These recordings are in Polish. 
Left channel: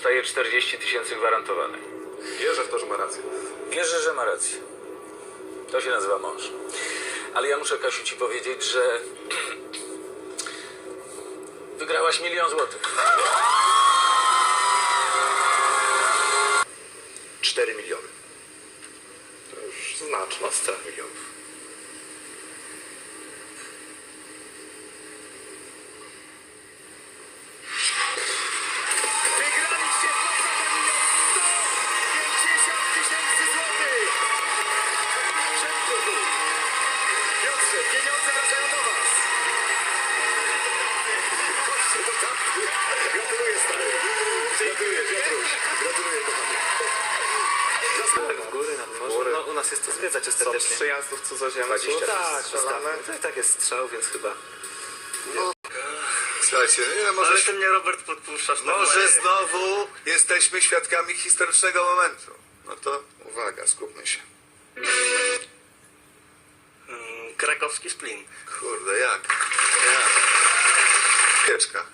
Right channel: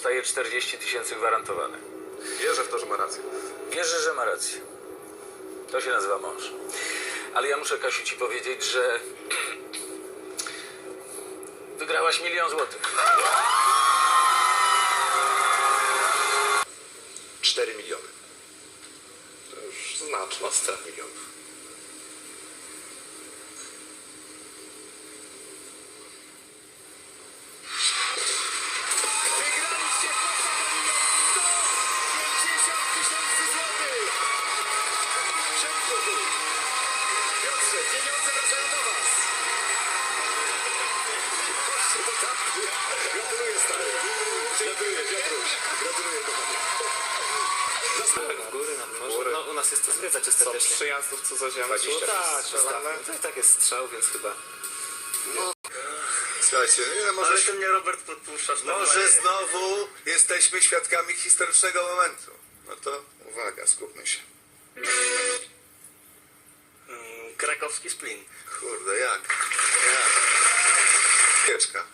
dostaje 40 tysięcy gwarantowane. Wierzę w to, że ma rację. Wierzę, że ma rację. To się nazywa mąż. Ale ja muszę, Kasiu, ci powiedzieć, że wygrałaś milion złotych. 4 miliony. To już znaczna scena milionów. To Co ostatecznie. przyjazdów cudzoziemców? 20 tak, tak, szalane. tak, tak jest strzał, więc chyba. Słuchajcie, nie, może, Ale ty mnie Robert podpuszczasz może znowu jesteśmy świadkami historycznego momentu. No to uwaga, skupmy się. Mm, Krakowski splin. Kurde, jak? Jak? Pieczka.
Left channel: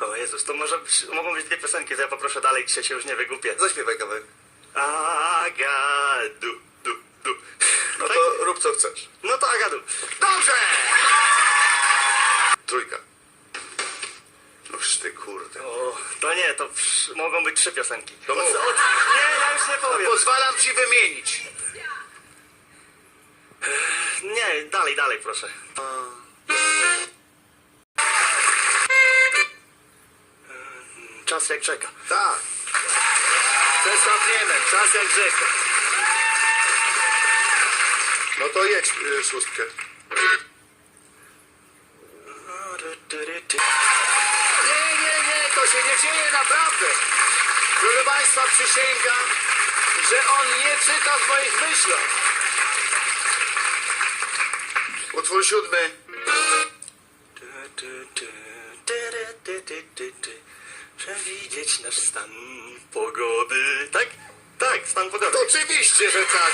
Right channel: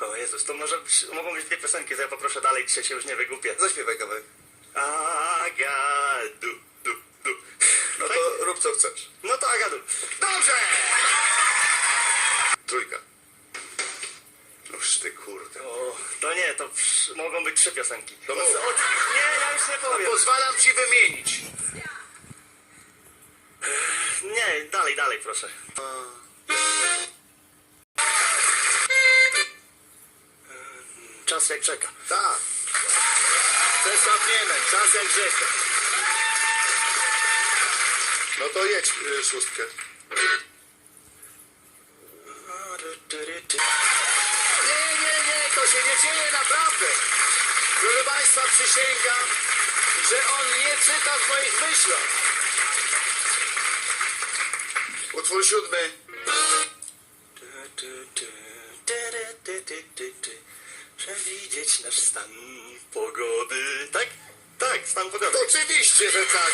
O Jezus, to może być, mogą być dwie piosenki, to ja poproszę dalej, trzecie już nie wygupię. Zaśpiewaj kawałek. Agadu, du, du. No Tak? to rób co chcesz. No to Agadu. Dobrze! Trójka. Noż ty kurde. O, to nie, to psz, mogą być trzy piosenki. To mów. o, nie, ja już nie powiem. Pozwalam ci wymienić. Nie, dalej, dalej proszę. Czas jak czeka. Tak. Przesapniemy, czas jak rzeka. No to jedź y, szóstkę. Nie, nie, nie, to się nie dzieje naprawdę. Proszę Państwa, przysięgam, że on nie czyta w moich myślach. Utwór siódmy. Przewidzieć nasz stan pogody. Tak? Tak, stan pogody. Oczywiście, że tak.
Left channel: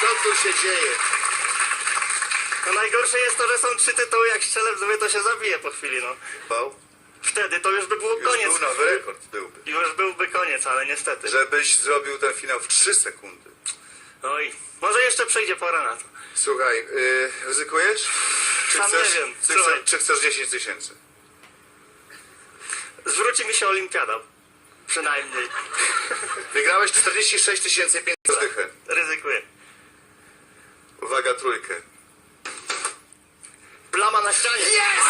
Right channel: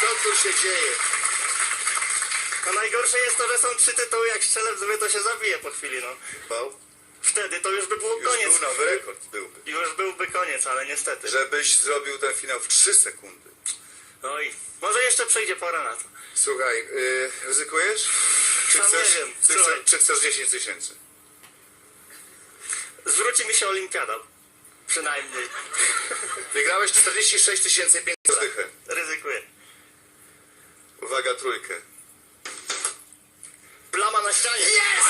Co tu się dzieje? No najgorsze jest to, że są trzy tytuły, jak strzelę w zły, to się zabije po chwili, no. Bał? Wtedy to już by było Już koniec. był nowy rekord, byłby. Już byłby koniec, ale niestety. Żebyś zrobił ten finał w 3 sekundy. Oj, może jeszcze przyjdzie pora na to. Słuchaj, yy, ryzykujesz? Czy Sam chcesz, nie wiem, Czy, słuchaj. chcesz, czy chcesz 10 tysięcy? Zwróci mi się olimpiada. Przynajmniej. Wygrałeś 46 tysięcy 500 dychę. Ryzykuję. Uwaga, trójkę. Plama na ścianie. Jest!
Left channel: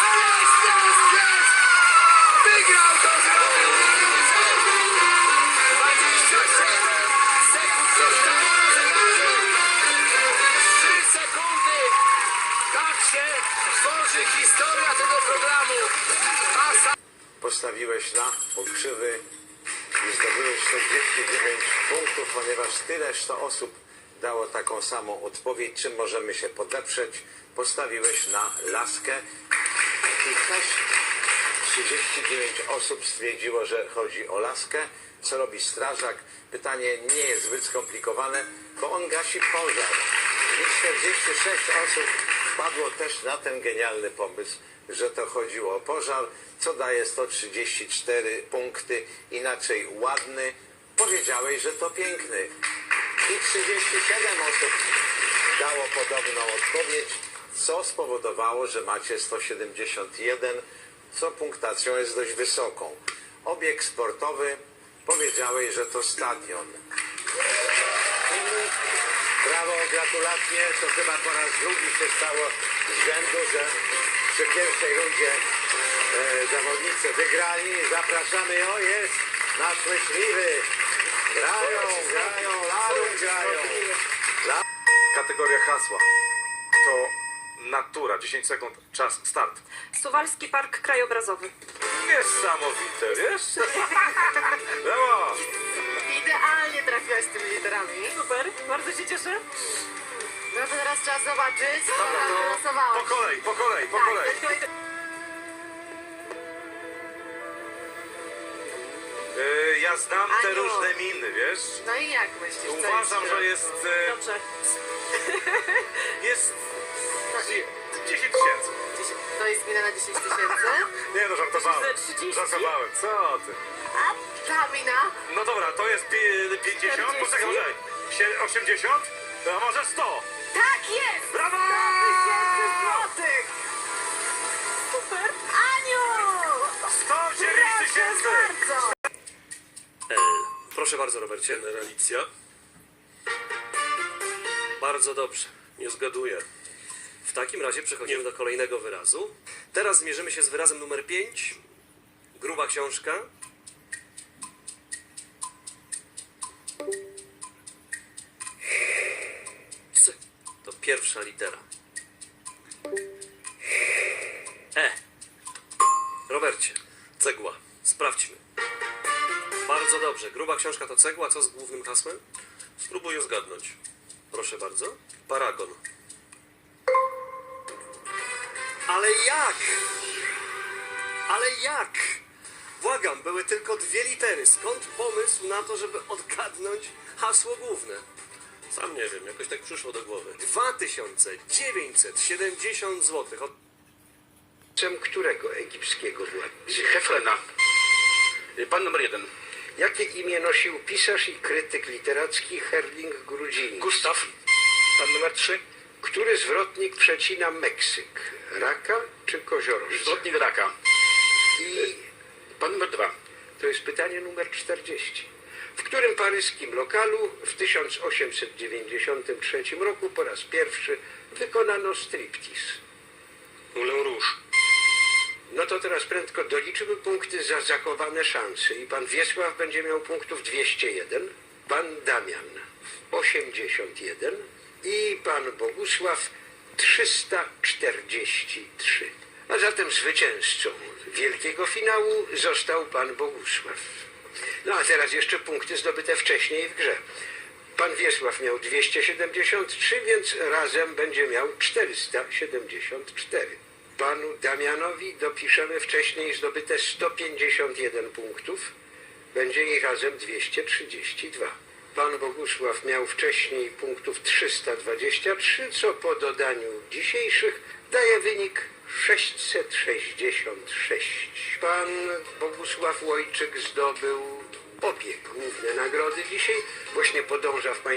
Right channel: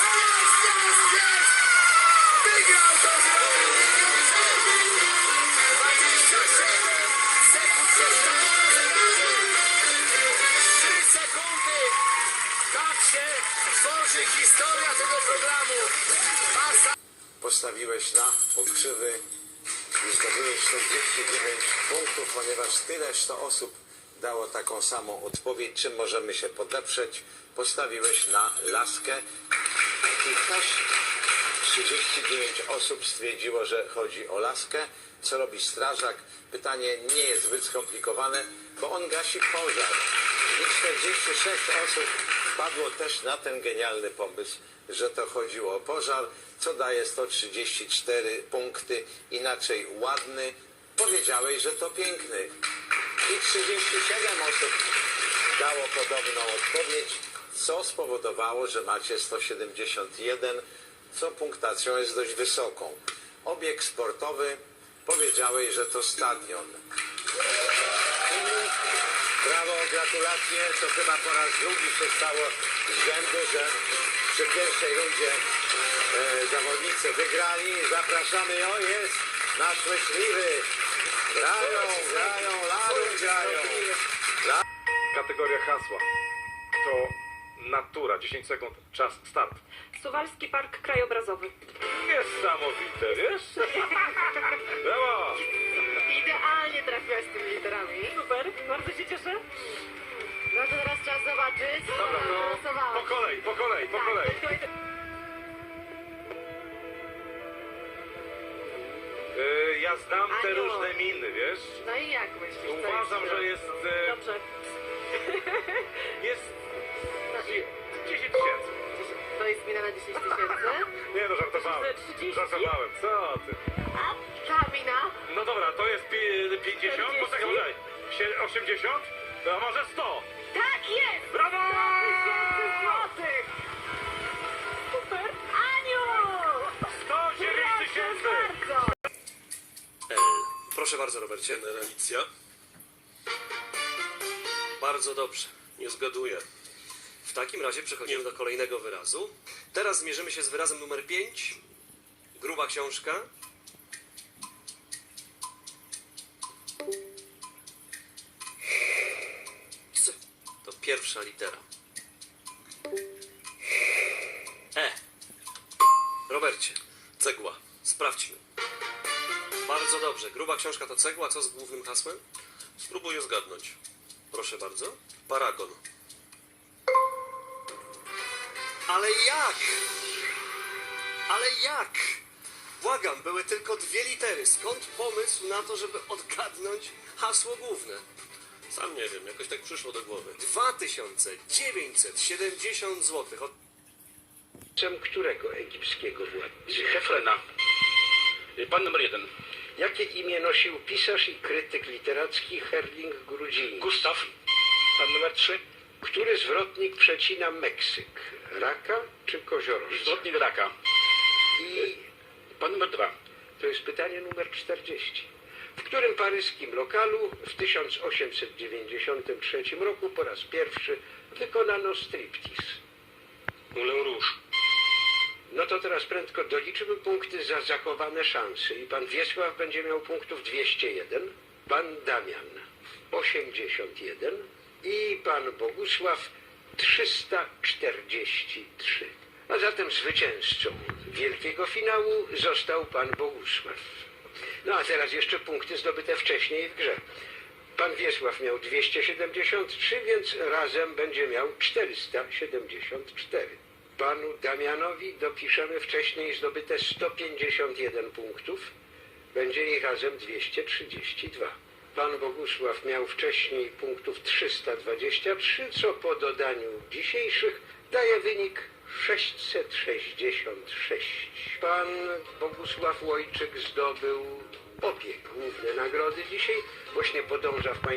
Historia tego programu. Postawiłeś na pokrzywy i zdobyłeś 49 punktów, ponieważ tyleż to osób dało taką samą odpowiedź, czym możemy się podeprzeć. Postawiłeś na laskę i też 39 osób stwierdziło, że chodzi o laskę. Co robi strażak? Pytanie nie jest zbyt skomplikowane, bo on gasi pożar. I 46 osób wpadło też na ten genialny pomysł, że to chodziło o pożar, co daje 134 punkty. Inaczej ładny. Powiedziałeś, że to piękny. I 37 osób dało podobną odpowiedź, co spowodowało, że macie 171, co punktacją jest dość wysoką. Obieg sportowy powiedziałeś, że to stadion. Brawo, gratulacje. To chyba po raz drugi się stało z rzędu, że przy pierwszej rundzie e, zawodnicy wygrali. Zapraszamy, o jest nasz myśliwy. Grają, grają, larum grają. Kategoria hasła. To natura. 10 sekund. Czas. Start. Suwalski Park Krajobrazowy. Niesamowite, wiesz? Brawo! Idealnie trafiłaś z tymi literami. Super, bardzo się cieszę. No to teraz trzeba zobaczyć, co Dobra, to po kolei, po kolei, po kolei. Tak, y, ja znam te Aniu. różne miny, wiesz? No i jak myślisz? co Uważam, jest? że jest... y, Dobrze. Jest... 30? Żartowałem, co ty? A ta mina? No dobra, to jest pi- 50, 40? poczekaj, poczekaj. Sie- 80? To może 100. Tak jest! Brawo! 100 tysięcy złotych! Super. Aniu! 109 Proszę tysięcy! bardzo! L. Proszę bardzo, Robercie. Generalicja? Bardzo dobrze. Nie zgaduję. W takim razie przechodzimy do kolejnego wyrazu. Teraz zmierzymy się z wyrazem numer 5. Gruba książka. To pierwsza litera. E. Robercie, Cegła. sprawdźmy. Bardzo dobrze. Gruba książka to cegła. Co z głównym hasłem? Spróbuję zgadnąć. Proszę bardzo. Paragon. Ale jak? Ale jak? Błagam, były tylko dwie litery. Skąd pomysł na to, żeby odgadnąć hasło główne? Sam nie wiem, jakoś tak przyszło do głowy. 2970 zł. Od... Ojcem którego egipskiego władcy? Hefrena. Y, Pan numer jeden. Jakie imię nosił pisarz i krytyk literacki Herling Grudziński? Gustaw. Pan numer trzy. Który zwrotnik przecina Meksyk? Raka czy koziorożca? Zwrotnik raka. I Pan numer dwa. to jest pytanie numer 40. W którym paryskim lokalu w 1893 roku po raz pierwszy wykonano striptease? Moulin Rouge. No to teraz prędko doliczymy punkty za zachowane szanse i pan Wiesław będzie miał punktów 201, pan Damian 81 i pan Bogusław 343. A zatem zwycięzcą wielkiego finału został pan Bogusław. No a teraz jeszcze punkty zdobyte wcześniej w grze. Pan Wiesław miał 273, więc razem będzie miał 474. Panu Damianowi dopiszemy wcześniej zdobyte 151 punktów. Będzie ich razem 232. Pan Bogusław miał wcześniej punktów 323, co po dodaniu dzisiejszych daje wynik 666. Pan Bogusław Łojczyk zdobył obie główne nagrody dzisiaj. Właśnie podąża w Państwa